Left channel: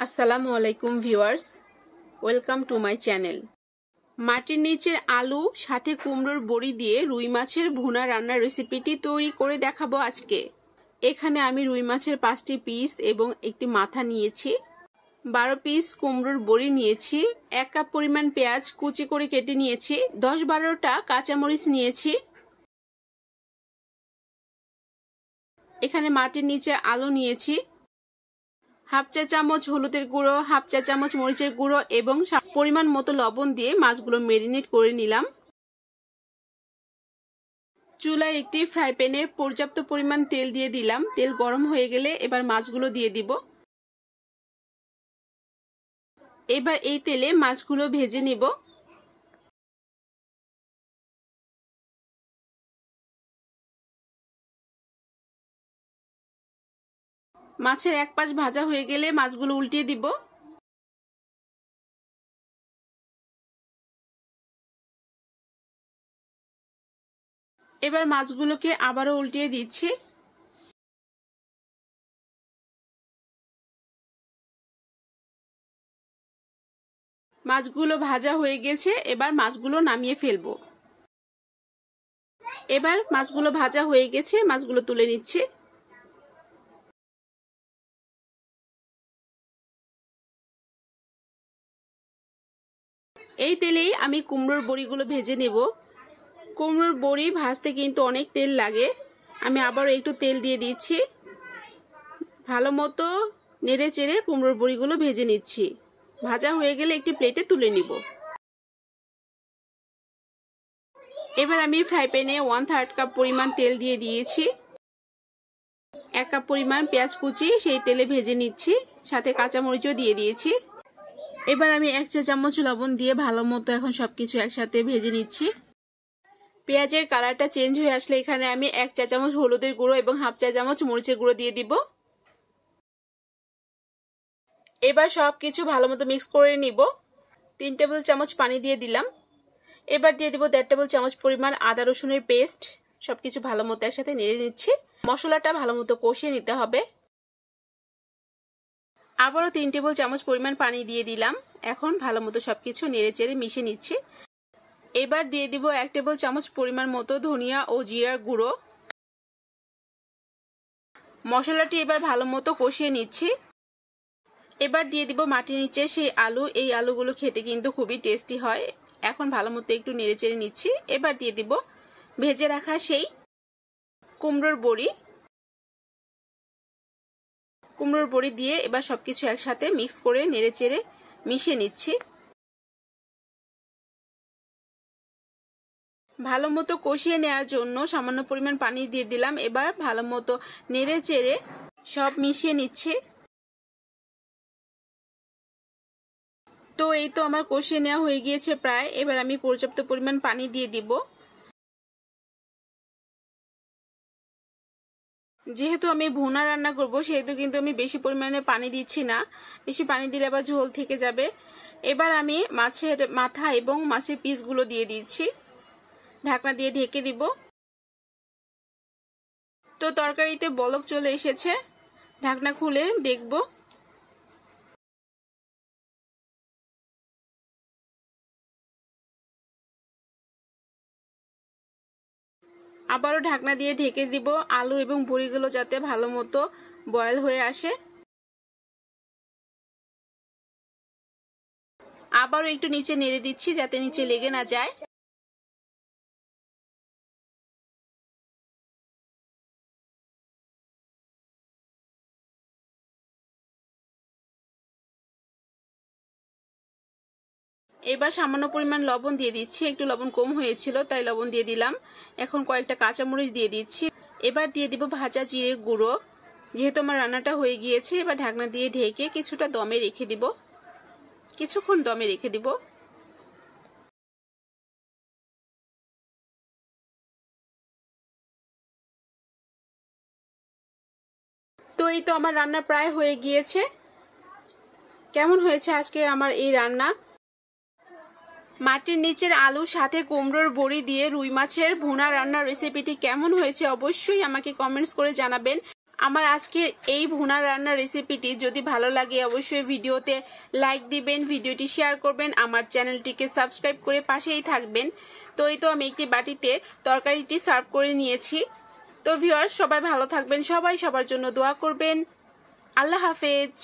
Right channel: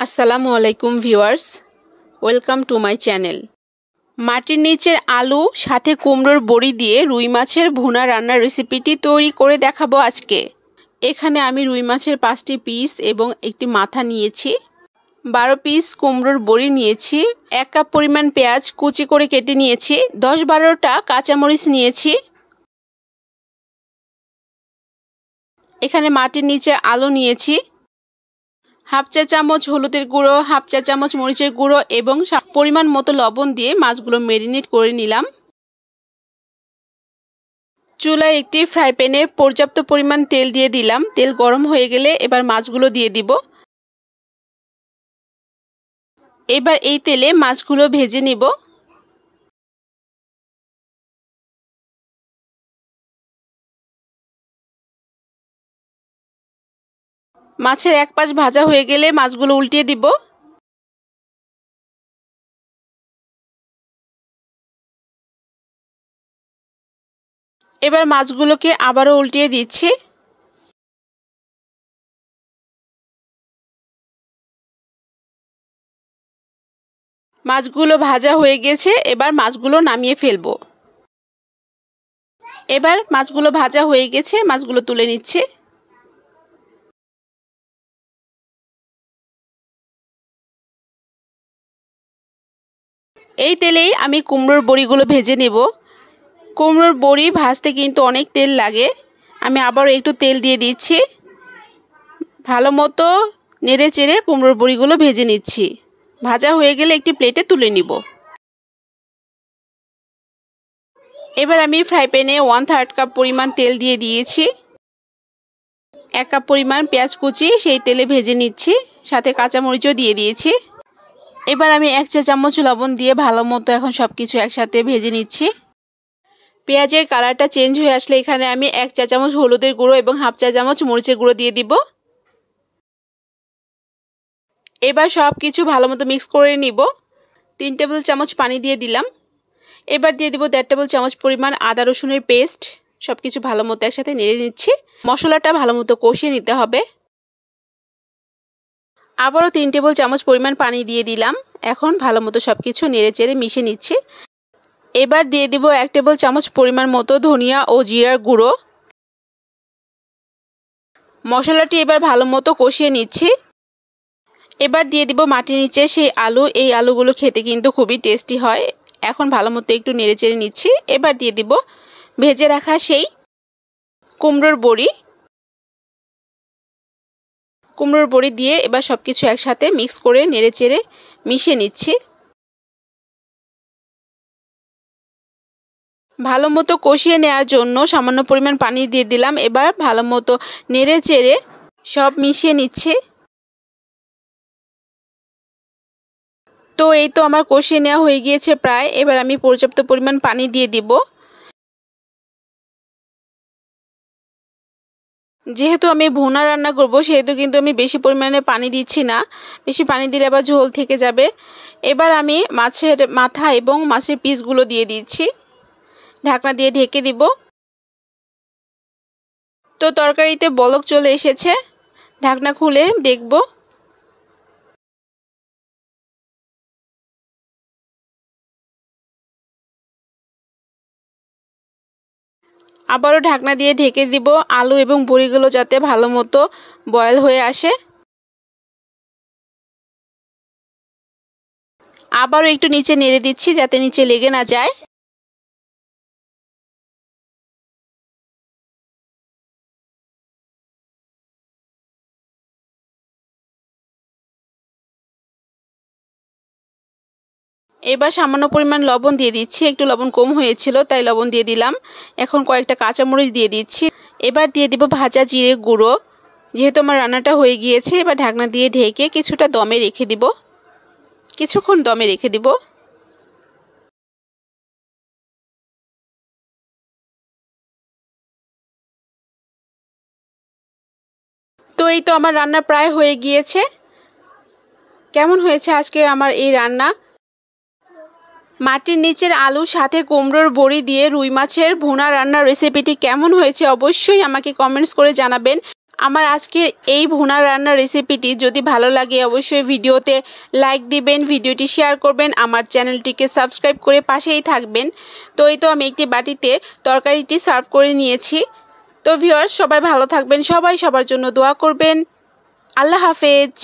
আসসালামু আলাইকুম viewers, welcome to my channel. মাটির নিচের আলু সাথে কুমড়োর বড়ি দিয়ে রুই মাছের ভুনা রান্নার রেসিপিটি তৈরি করে দেখাবো আজকে। এখানে আমি রুই মাছের 5টি পিস এবং একটি মাথা নিয়েছি, 12 পিস কুমড়োর বড়ি নিয়েছি, 1 কাপ পরিমাণ পেঁয়াজ কুচি করে কেটে নিয়েছি, 10-12টা কাঁচামরিচ নিয়েছি। এখানে মাটির নিচে আলু নিয়েছি, হাফ চা চামচ হলুদের গুঁড়ো, হাফ চা চামচ মরিচের গুঁড়ো এবং পরিমাণ মতো লবণ দিয়ে মাছগুলো ম্যারিনেট করে নিলাম। চুলায় একটি ফ্রাই প্যানে পর্যাপ্ত পরিমাণ তেল দিয়ে দিলাম। তেল গরম হয়ে গেলে এবার মাছগুলো দিয়ে দিব। এবার এই তেলে মাছগুলো ভেজে নিব। মাছের এক পাশ ভাজা হয়ে গেলে মাছগুলো উল্টিয়ে দিব। এবার মাছগুলোকে আবারও উল্টিয়ে দিচ্ছি। মাছগুলো ভাজা হয়ে গেছে, এবার মাছগুলো নামিয়ে ফেলবো। এবার মাছগুলো ভাজা হয়ে গেছে, মাছগুলো তুলে নিচ্ছে। এই তেলেই আমি কুমড়োর বড়িগুলো ভেজে নেব। কুমড়োর বড়ি ভাজতে কিন্তু অনেক তেল লাগে। আমি আবারও একটু তেল দিয়ে দিচ্ছি। ভালো মতো নেড়ে চেড়ে কুমড়োর বড়িগুলো ভেজে নিচ্ছি। ভাজা হয়ে গেলে একটি প্লেটে তুলে নিব। এবার আমি ফ্রাই প্যানে 1/3 কাপ পরিমাণ তেল দিয়ে দিয়েছি। 1 কাপ পরিমাণ পেঁয়াজ কুচি সেই তেলে ভেজে নিচ্ছি, সাথে কাঁচামরিচও দিয়ে দিয়েছি। এবার আমি 1 চা চামচ লবণ দিয়ে ভালো মতো এখন সব কিছু একসাথে ভেজে নিচ্ছি। পেঁয়াজের কালারটা চেঞ্জ হয়ে আসলে এখানে আমি 1 চা চামচ হলুদের গুঁড়ো এবং হাফ চা চামচ মরিচের গুঁড়ো দিয়ে দিব। এবার সব কিছু ভালো মতো মিক্স করে নিব। 3 টেবিল চামচ পানি দিয়ে দিলাম। এবার দিয়ে দিব 1.5 টেবিল চামচ পরিমাণ আদা রসুনের পেস্ট। সব কিছু ভালো মতো একসাথে নেড়ে নিচ্ছি। মশলাটা ভালো মতো কষিয়ে নিতে হবে। আবারও 3 টেবিল চামচ পরিমাণ পানি দিয়ে দিলাম। এখন ভালো মতো সব কিছু নেড়ে চেড়ে মিশিয়ে নিচ্ছি। এবার দিয়ে দিব 1 টেবিল চামচ পরিমাণ মতো ধনিয়া ও জিরার গুঁড়ো। মশলাটি এবার ভালো মতো কষিয়ে নিচ্ছি। এবার দিয়ে দিব মাটির নিচে সেই আলু। এই আলুগুলো খেতে কিন্তু খুবই টেস্টি হয়। এখন ভালো মতো একটু নেড়ে চেড়ে নিচ্ছি। এবার দিয়ে দিব ভেজে রাখা সেই কুমড়োর বড়ি। কুমড়োর বড়ি দিয়ে এবার সব কিছু একসাথে মিক্স করে নেড়ে চেড়ে মিশিয়ে নিচ্ছি। ভালো মতো কষিয়ে নেওয়ার জন্য সামান্য পরিমাণ পানি দিয়ে দিলাম। এবার ভালো মতো নেড়ে চেড়ে সব মিশিয়ে নিচ্ছি। তো এই তো আমার কষিয়ে নেওয়া হয়ে গিয়েছে প্রায়। এবার আমি পর্যাপ্ত পরিমাণ পানি দিয়ে দিব। যেহেতু আমি ভুনা রান্না করব সেহেতু কিন্তু আমি বেশি পরিমাণে পানি দিচ্ছি না। বেশি পানি দিলে আবার ঝোল থেকে যাবে। এবার আমি মাছের মাথা এবং মাছের পিসগুলো দিয়ে দিচ্ছি। ঢাকনা দিয়ে ঢেকে দিব। তো তরকারিতে বলক চলে এসেছে। ঢাকনা খুলে দেখব। আবারও ঢাকনা দিয়ে ঢেকে দিব আলু এবং বড়িগুলো যাতে ভালো মতো বয়েল হয়ে আসে। আবারও একটু নিচে নেড়ে দিচ্ছি যাতে নিচে লেগে না যায়। এবার সামান্য পরিমাণ লবণ দিয়ে দিচ্ছি। একটু লবণ কম হয়েছিল তাই লবণ দিয়ে দিলাম। এখন কয়েকটা কাঁচামরিচ দিয়ে দিচ্ছি। এবার দিয়ে দিব ভাজা জিরে গুঁড়ো। যেহেতু আমার রান্নাটা হয়ে গিয়েছে এবার ঢাকনা দিয়ে ঢেকে কিছুটা দমে রেখে দিব। কিছুক্ষণ দমে রেখে দিব। তো এই তো আমার রান্না প্রায় হয়ে গিয়েছে। কেমন হয়েছে আজকে আমার এই রান্না? মাটির নিচের আলু সাথে কুমড়োর বড়ি দিয়ে রুই মাছের ভুনা রান্নার রেসিপিটি কেমন হয়েছে অবশ্যই আমাকে কমেন্টস করে জানাবেন। আমার আজকে এই ভুনা রান্নার রেসিপিটি যদি ভালো লাগে অবশ্যই ভিডিওতে লাইক দিবেন, ভিডিওটি শেয়ার করবেন, আমার চ্যানেলটিকে সাবস্ক্রাইব করে পাশেই থাকবেন। তো এই তো আমি একটি বাটিতে তরকারিটি সার্ভ করে নিয়েছি। তো ভিউয়ার্স, সবাই ভালো থাকবেন, সবাই সবার জন্য দোয়া করবেন। আল্লাহ হাফেজ।